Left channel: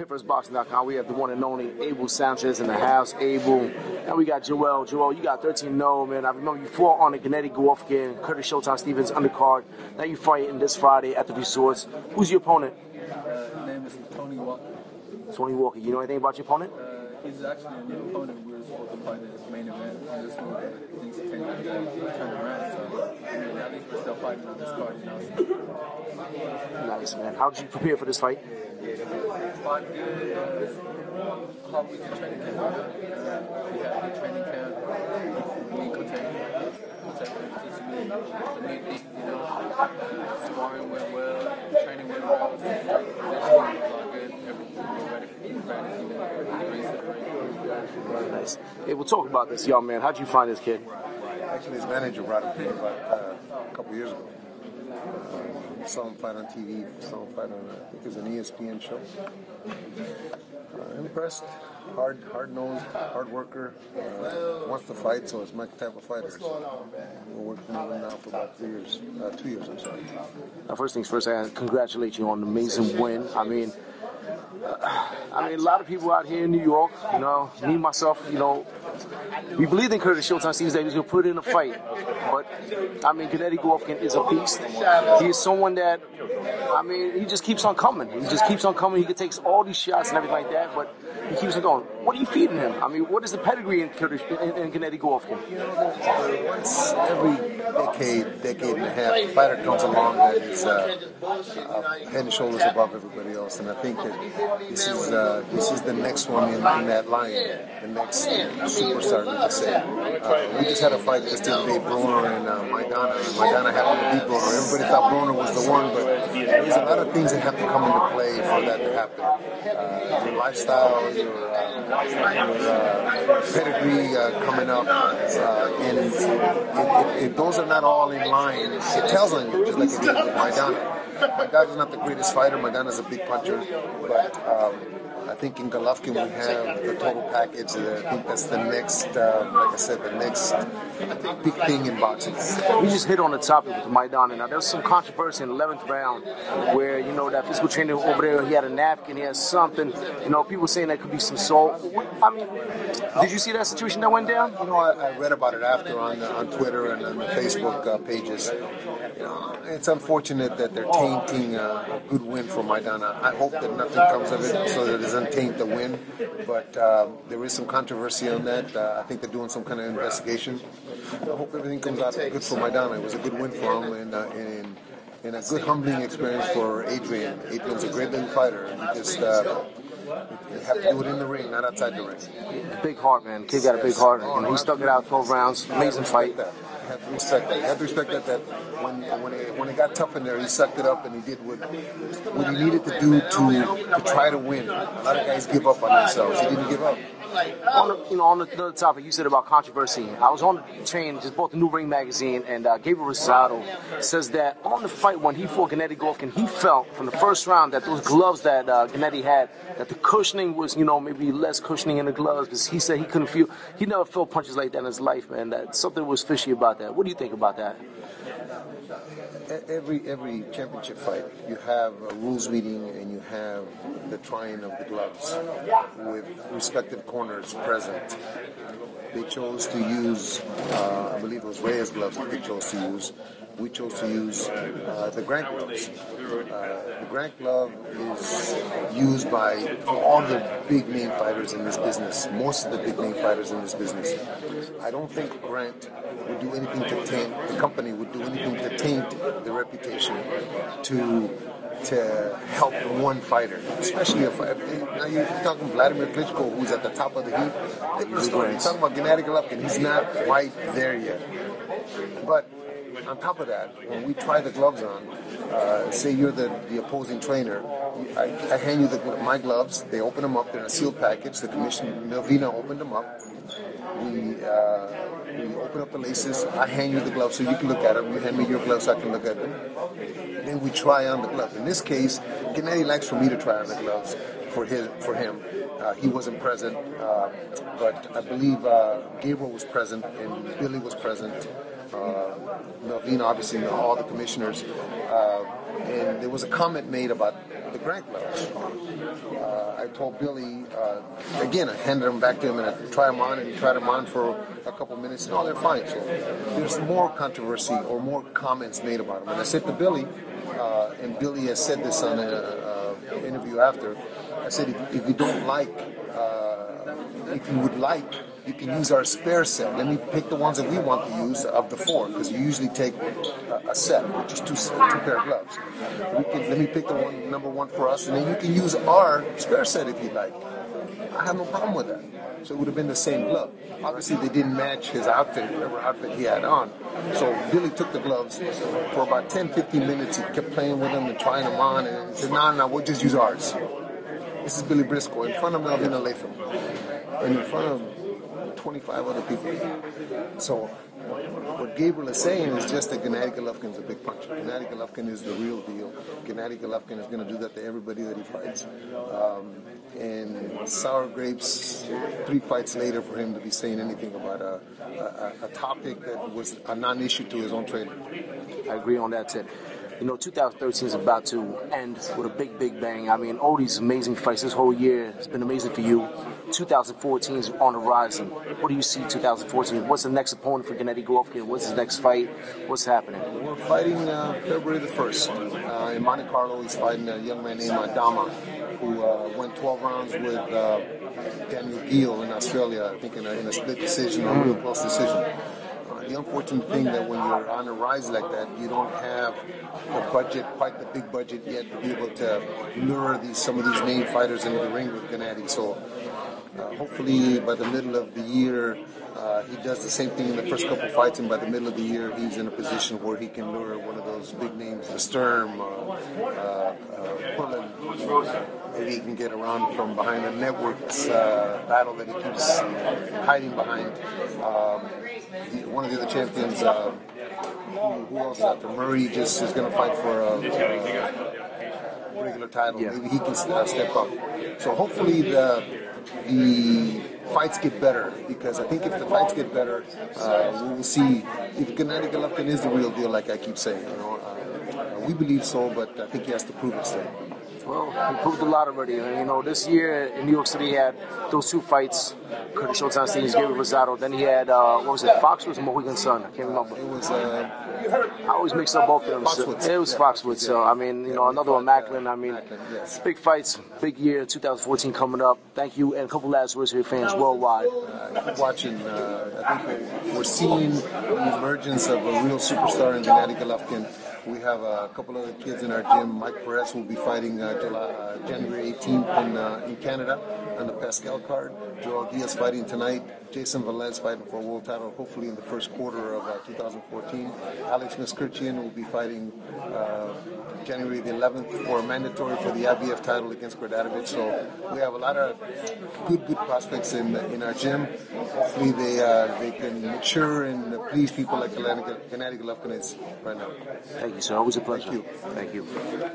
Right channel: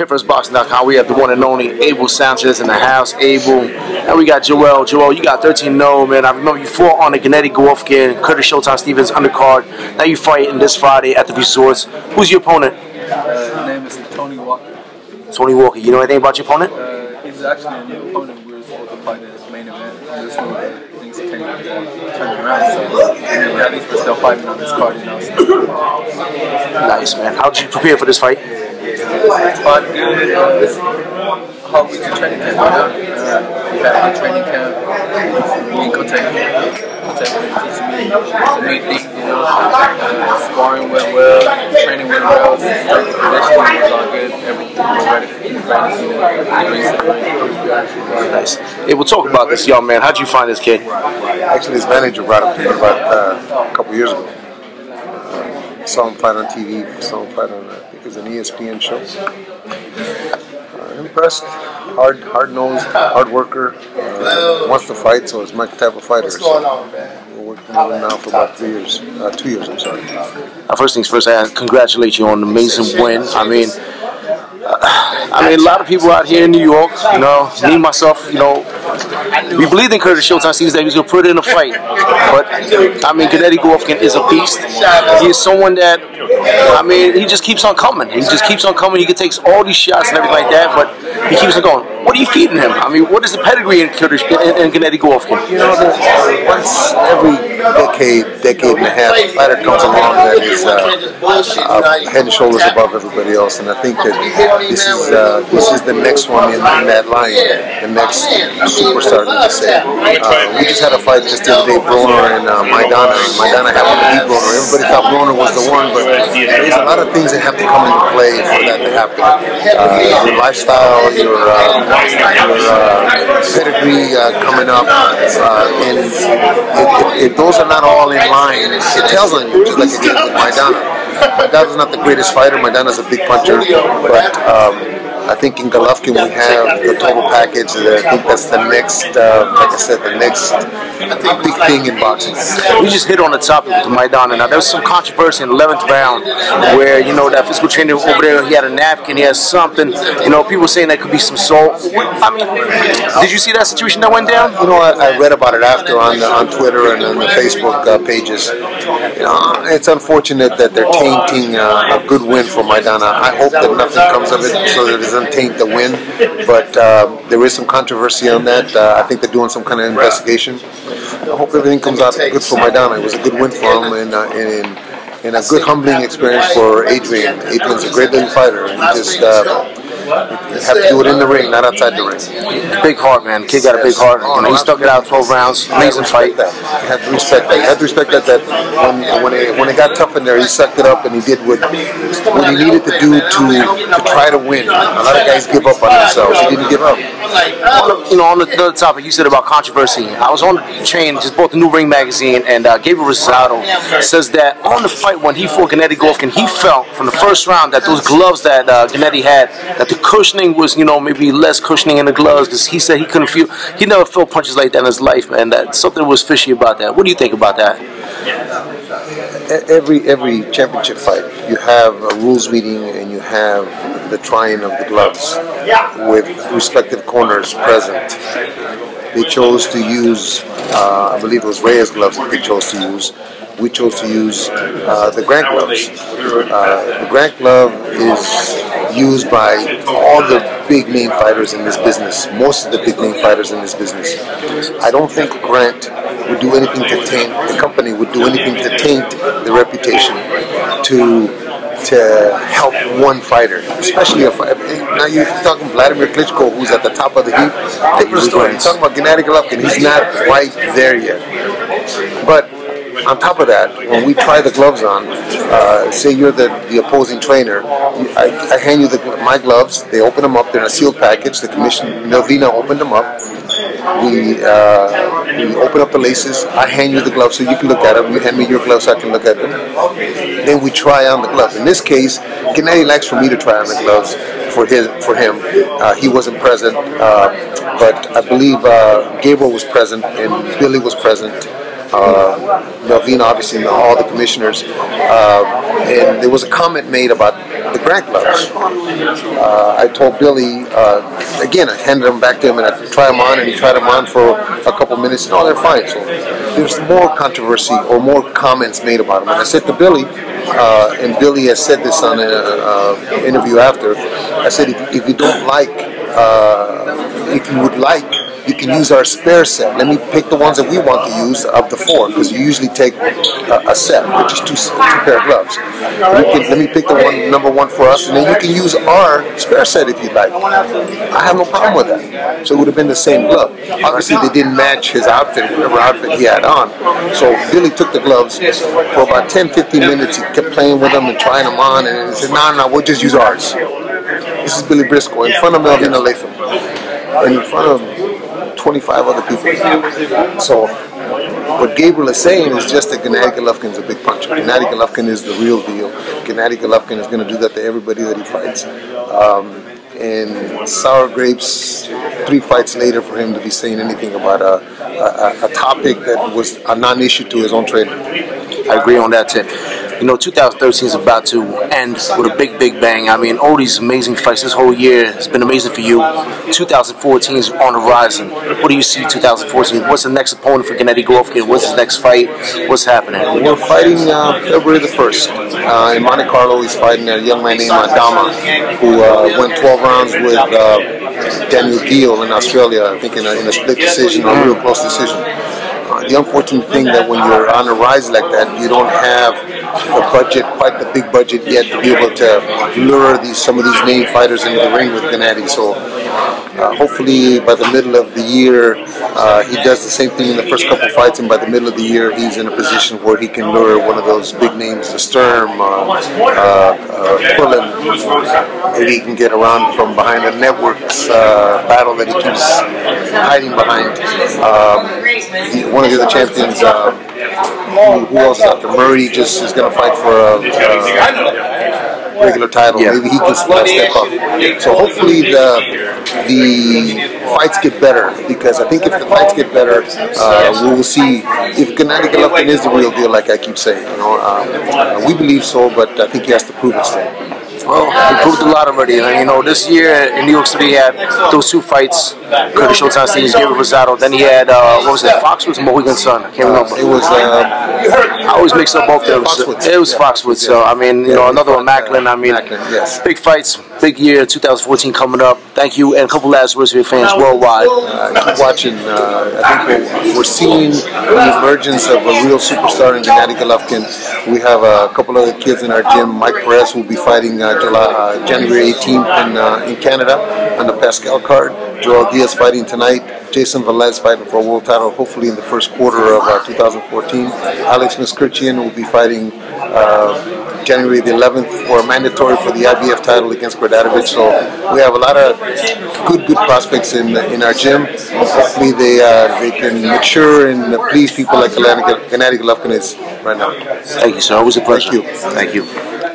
HitFirstBoxing.com. We have the one and only Abel Sanchez in the house. Abel, and we got Joel. Joel, you got 13-0, man. I remember you fought on the Gennady Golovkin, Curtis Showtime Stevens undercard. Now you fighting this Friday at the Resorts. Who's your opponent? His name is Tony Walker. Tony Walker. You know anything about your opponent? He's actually a new opponent. We were supposed to fight in his main event. This one, things turned around, so at least we're still fighting on this card, you know. So. Nice, man. How did you prepare for this fight? Fought good. Hard week in training camp. We had a good training camp. Me and Kote teaching me some new things, you know. Sparring went well, training went well, conditioning was all good. Everything was ready for Nice. Hey, we'll talk about this young man. How'd you find this kid? Actually, his manager brought him to me about a couple years ago. Saw him fight on TV, saw him fight on, I think it was an ESPN show. Impressed, hard-nosed, hard worker, wants to fight, so it's my type of fighter. So we're working with him now for about 2 years, I'm sorry. First things first, I congratulate you on an amazing win. I mean, a lot of people out here in New York, you know, me, myself, you know, we believed in Curtis Showtime Stevens that he was going to put in a fight. But, I mean, Gennady Golovkin is a beast. He is someone that, I mean, he just keeps on coming. He just keeps on coming. He takes all these shots and everything like that, but he keeps on going. What are you feeding him? I mean, what is the pedigree in Gennady Golovkin? You know, once every decade and a half, a fighter comes along that is head and shoulders above everybody else, and I think that this is the next one in that line, the next superstar, let's say. We just had a fight just the other day, Broner and Maidana. Maidana happened to beat Broner. Everybody thought Broner was the one, but there's a lot of things that have to come into play for that to happen. Your lifestyle, your pedigree coming up, and if those are not all in line, it tells on you, just like it did with Maidana. Maidana's not the greatest fighter. Maidana's a big puncher, but I think in Golovkin we have the total package. I think that's the next, like I said, the next big thing in boxing. We just hit on the topic with Maidana. Now, there was some controversy in the 11th round where, you know, that physical trainer over there, he had a napkin, he had something. You know, people saying that could be some salt. I mean, did you see that situation that went down? You know, I read about it after on Twitter and on the Facebook pages. You know, it's unfortunate that they're tainting a good win for Maidana. I hope that nothing comes of it so that it doesn't taint the win, but there is some controversy on that. I think they're doing some kind of investigation. I hope everything comes out good for Maidana. It was a good win for him and a good humbling experience for Adrian. Adrian's a great little fighter, and you just you have to do it in the ring, not outside the ring. Big heart, man. Kid got a big heart. You know, he stuck it out 12 rounds. Amazing fight. You have to respect that. You have to respect that when it got tough in there, he sucked it up and he did what he needed to do to try to win. A lot of guys give up on themselves. He didn't give up. You know, on the other topic, you said about controversy. I was on the train, just bought the New Ring magazine, and Gabriel Rosado says that on the fight when he fought Gennady Golovkin, he felt from the first round that those gloves that Gennady had, that the cushioning was, you know, maybe less cushioning in the gloves, because he said he never felt punches like that in his life, man. That something was fishy about that. What do you think about that? Every championship fight, you have a rules meeting and you have the trying of the gloves with respective corners present. They chose to use, I believe it was Reyes gloves that they chose to use. We chose to use the Grant gloves. The Grant glove is used by all the big name fighters in this business, most of the big name fighters in this business. I don't think Grant would do anything to taint, the company would do anything to taint the reputation to help one fighter, especially a fighter. Now you're talking Vladimir Klitschko, who's at the top of the heap. Different story. You're talking about Gennady Golovkin. He's not quite there yet. But on top of that, when we try the gloves on, say you're the opposing trainer, I hand you my gloves. They open them up. They're in a sealed package. The commission, Melvina, opened them up. We open up the laces. I hand you the gloves so you can look at them. You hand me your gloves so I can look at them. Then we try on the gloves. In this case, Gennady likes for me to try on the gloves for him. He wasn't present, but I believe Gabriel was present and Billy was present. Melvina, obviously, all the commissioners, and there was a comment made about the Grant gloves. I told Billy, again, I handed them back to him and I tried them on, and he tried them on for a couple minutes, and they're fine. So there's more controversy or more comments made about them. And I said to Billy, and Billy has said this on an interview after, I said, if you don't like, if you would like, you can use our spare set. Let me pick the ones that we want to use of the 4, because you usually take a set, which is two pair of gloves. Let me pick the number 1 for us, and then you can use our spare set if you'd like. I have no problem with that. So it would have been the same glove. Obviously, they didn't match his outfit, whatever outfit he had on. So Billy took the gloves for about 10-15 minutes. He kept playing with them and trying them on, and he said, no, we'll just use ours. This is Billy Briscoe in front of Melvin Latham and in front of 25 other people. So what Gabriel is saying is just that Gennady Golovkin's a big puncher. Gennady Golovkin is the real deal. Gennady Golovkin is going to do that to everybody that he fights. And sour grapes, 3 fights later, for him to be saying anything about a topic that was a non-issue to his own trainer. I agree on that, Tim. You know, 2013 is about to end with a big, big bang. I mean, all these amazing fights this whole year has been amazing for you. 2014 is on the horizon. What do you see 2014? What's the next opponent for Gennady Golovkin? What's his next fight? What's happening? We're fighting February the 1st. In Monte Carlo, he's fighting a young man named Adama, who went 12 rounds with Daniel Gill in Australia, I think in a split decision or a real close decision. The unfortunate thing that when you're on a rise like that, you don't have the budget, quite the big budget yet, to be able to lure some of these main fighters into the ring with Gennady. So hopefully by the middle of the year, he does the same thing in the first couple fights, and by the middle of the year, he's in a position where he can lure one of those big names, the Sturm, Quillen. Maybe he can get around from behind the network's battle that he keeps hiding behind. One of the other champions, who else is out there? Murray just is going to fight for a regular title. Yeah. Maybe he can step up. So hopefully the fights get better, because I think if the fights get better, we will see if Gennady Golovkin is the real deal, like I keep saying. You know, we believe so, but I think he has to prove it still. Well, he proved a lot already. And, you know, this year in New York City, he had those 2 fights. Curtis Showtime Stevens, Gabriel Rosado. Then he had, what was it, Foxwoods and Mohegan Sun? I can't remember. It was, I always mix up both of them. It was Foxwoods. So, I mean, you know, another one, Macklin. I mean, yes. Big fights, big year, 2014 coming up. Thank you. And a couple last words for your fans worldwide. Keep watching. I think we're seeing the emergence of a real superstar in Gennady Golovkin. We have a couple other kids in our gym. Mike Perez will be fighting January 18th in Canada on the Pascal card. Joel Diaz fighting tonight. Jason Velez fighting for a world title, hopefully in the first quarter of 2014. Alex Miskirchian will be fighting January the 11th for a mandatory for the IBF title against Gradatovic. So we have a lot of good prospects in our gym. Hopefully they can mature and please people like Gennady Golovkin is right now. Thank you, sir. Always a pleasure. Thank you. Thank you.